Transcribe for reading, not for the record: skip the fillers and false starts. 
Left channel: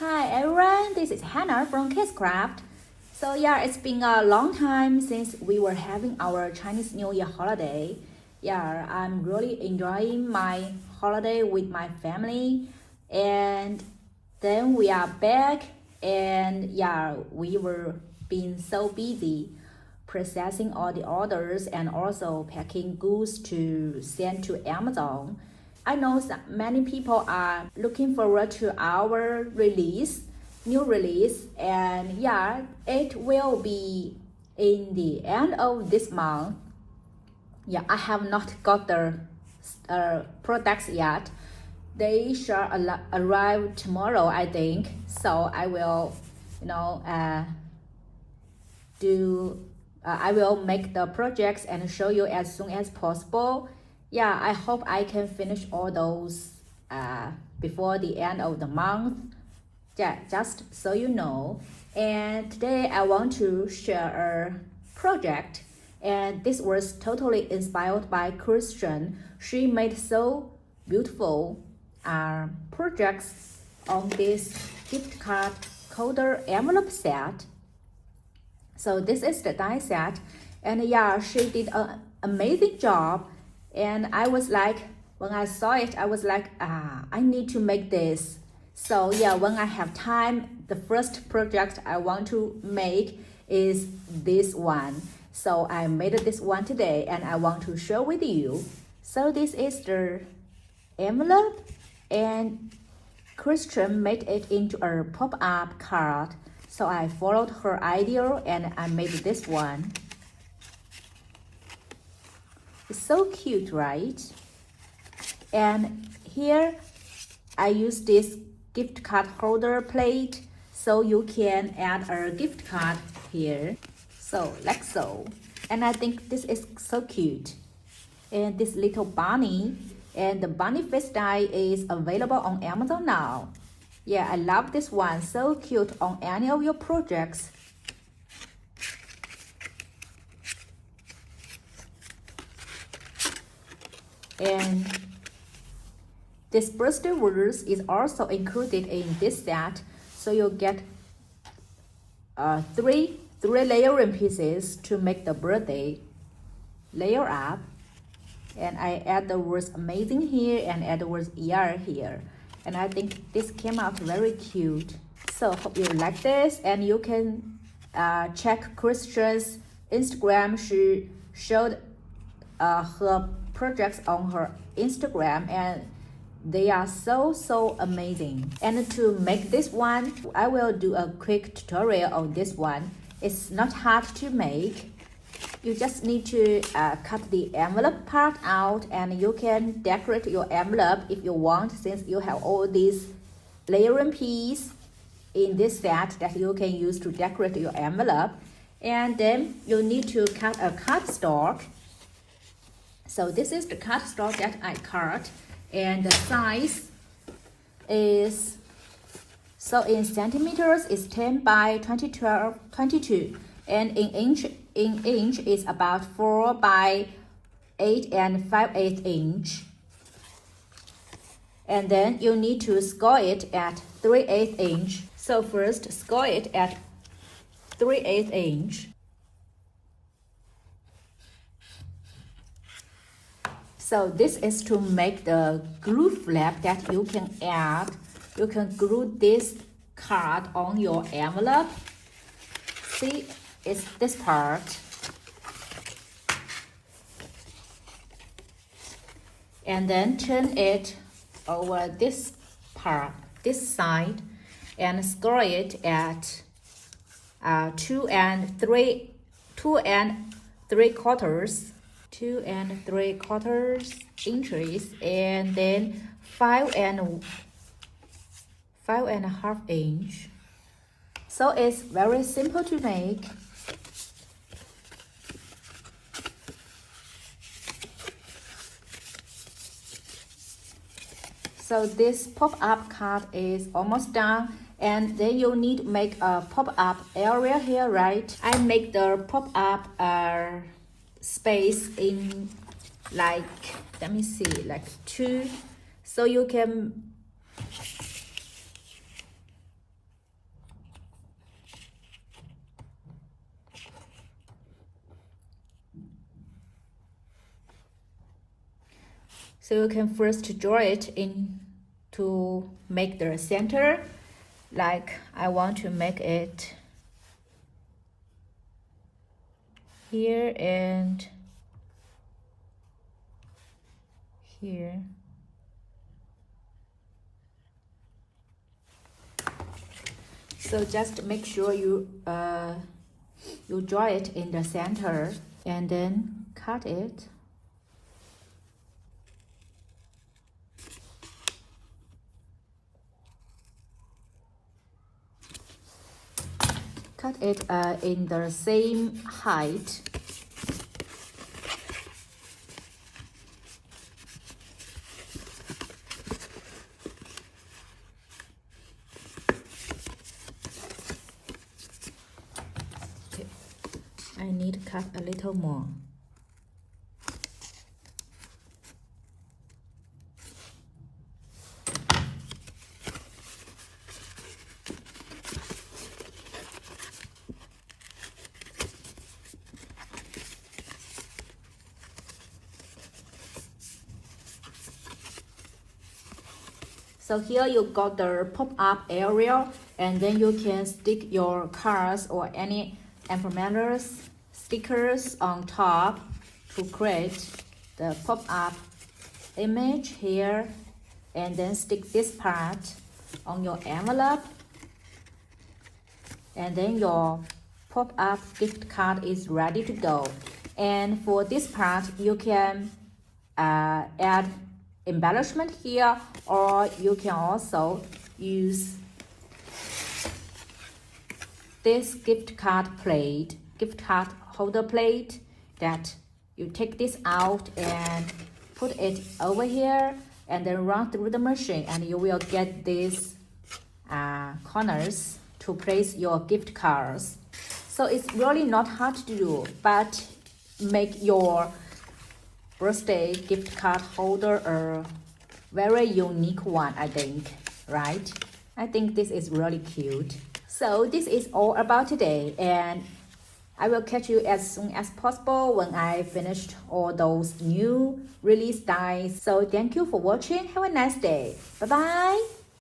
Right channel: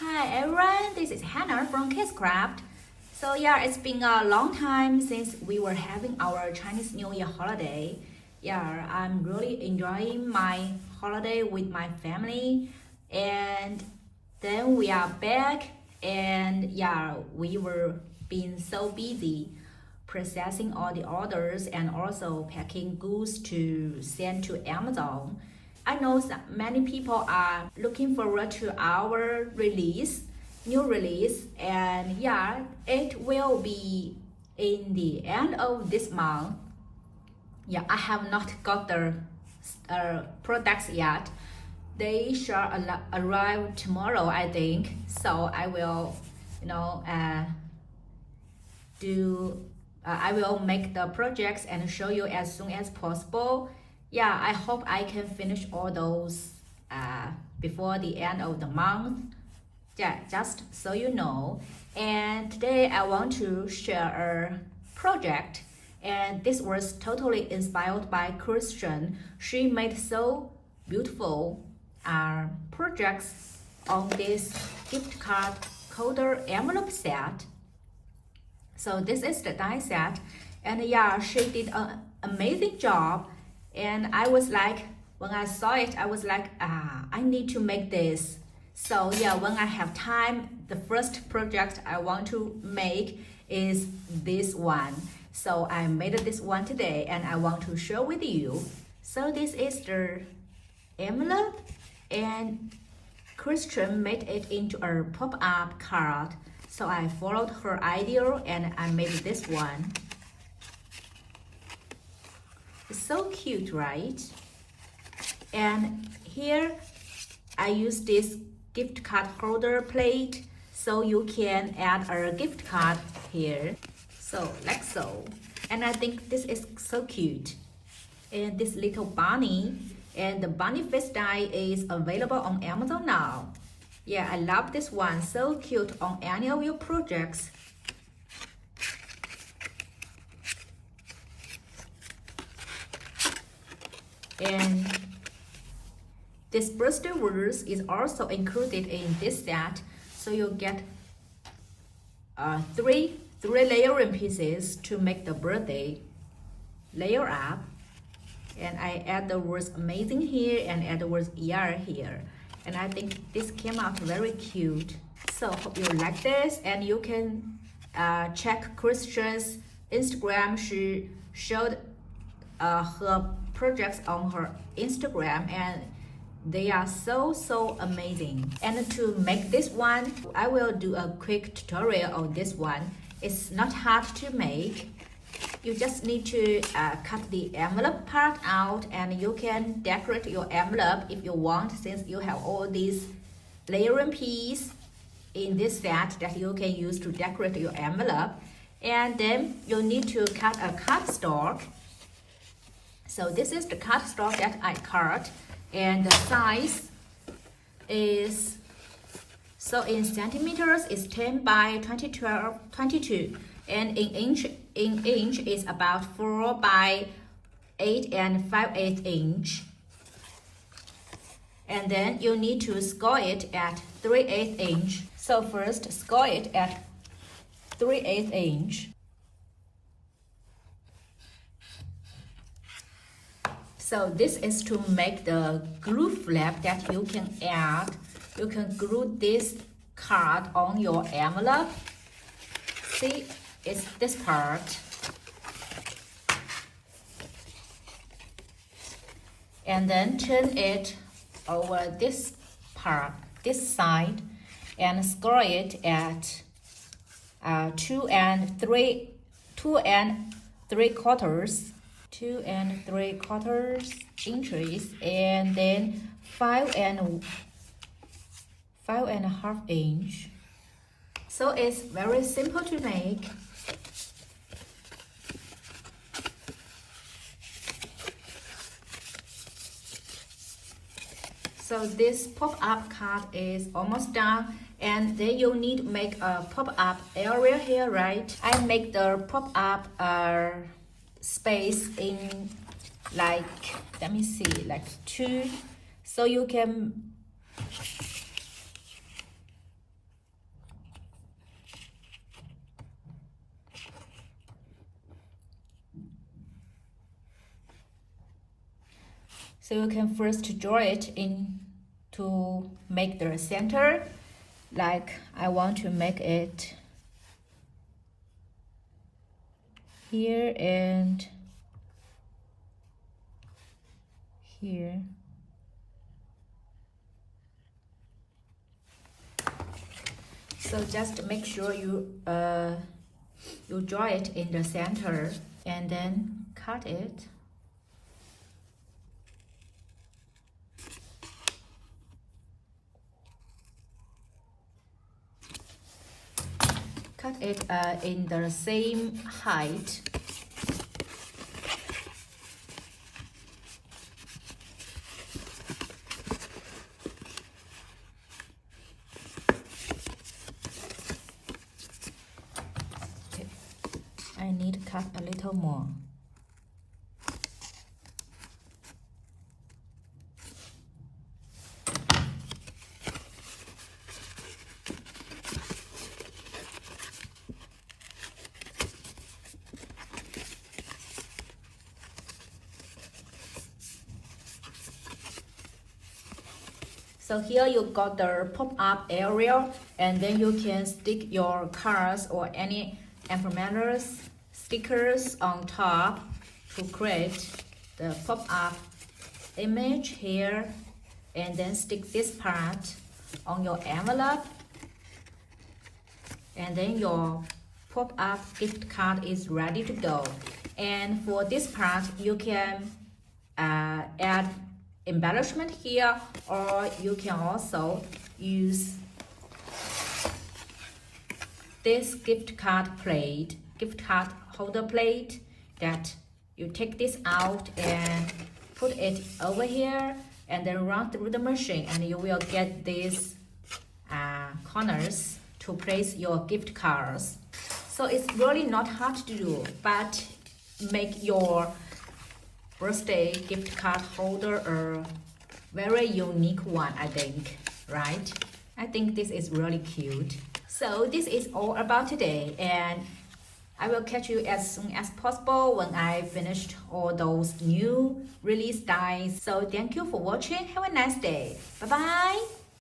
Hi everyone, this is Hannah from KSCRAFT. So yeah, it's been a long time since we were having our Chinese New Year holiday. Yeah, I'm really enjoying my holiday with my family, and then we are back, and yeah, we were being so busy processing all the orders and also packing goods to send to Amazon. I know that many people are looking forward to our new release, and yeah, it will be in the end of this month. Yeah, I have not got the products yet. They shall arrive tomorrow, I think. So I will, I will make the projects and show you as soon as possible. Yeah, I hope I can finish all those before the end of the month. Yeah, just so you know. And today I want to share a project, and this was totally inspired by Christian. She made so beautiful projects on this gift card holder envelope set. So this is the die set, and yeah, she did an amazing job. And I was like, when I saw it, I was like, I need to make this. So yeah, when I have time, the first project I want to make is this one. So I made this one today, and I want to share with you. So this is the envelope, and Christian made it into a pop-up card. So I followed her idea and I made this one. It's so cute, right? And here I use this gift card holder plate, so you can add a gift card here. So like so. And I think this is so cute. And this little bunny, and the bunny face die is available on Amazon now. Yeah, I love this one, so cute on any of your projects. And this birthday words is also included in this set, so you'll get three layering pieces to make the birthday layer up. And I add the words amazing here and add the words ER here. And I think this came out very cute. So hope you like this, and you can check Christian's Instagram. She showed her projects on her Instagram, and they are so amazing. And to make this one, I will do a quick tutorial on this one. It's not hard to make. You just need to cut the envelope part out, and you can decorate your envelope if you want, since you have all these layering pieces in this set that you can use to decorate your envelope. And then you need to cut a cardstock. So this is the cardstock that I cut, and the size is, so in centimeters is 10 by 22, and in inch is about 4 by 8 and 5/8 inch. And then you need to score it at 3/8 inch. So first score it at 3/8 inch. So this is to make the glue flap that you can add. You can glue this card on your envelope. See, it's this part. And then turn it over this part, this side, and score it at 2 and 3/4 inches, and then 5.5 inch. So it's very simple to make. So this pop-up card is almost done, and then you need to make a pop-up area here, right? I make the pop-up space in like, let me see, like 2, so you can So you can first draw it in to make the center. Like I want to make it here and here. So just make sure you draw it in the center and then cut it. Cut it in the same height. Okay. I need to cut a little more. So here you got the pop-up area, and then you can stick your cards or any emblems, stickers on top to create the pop-up image here, and then stick this part on your envelope, and then your pop-up gift card is ready to go. And for this part, you can add embellishment here, or you can also use this gift card holder plate that you take this out and put it over here and then run through the machine, and you will get these corners to place your gift cards. So it's really not hard to do, but make your birthday gift card holder a very unique one, I think, right? I think this is really cute. So this is all about today, and I will catch you as soon as possible when I finished all those new release dies. So thank you for watching. Have a nice day. Bye bye.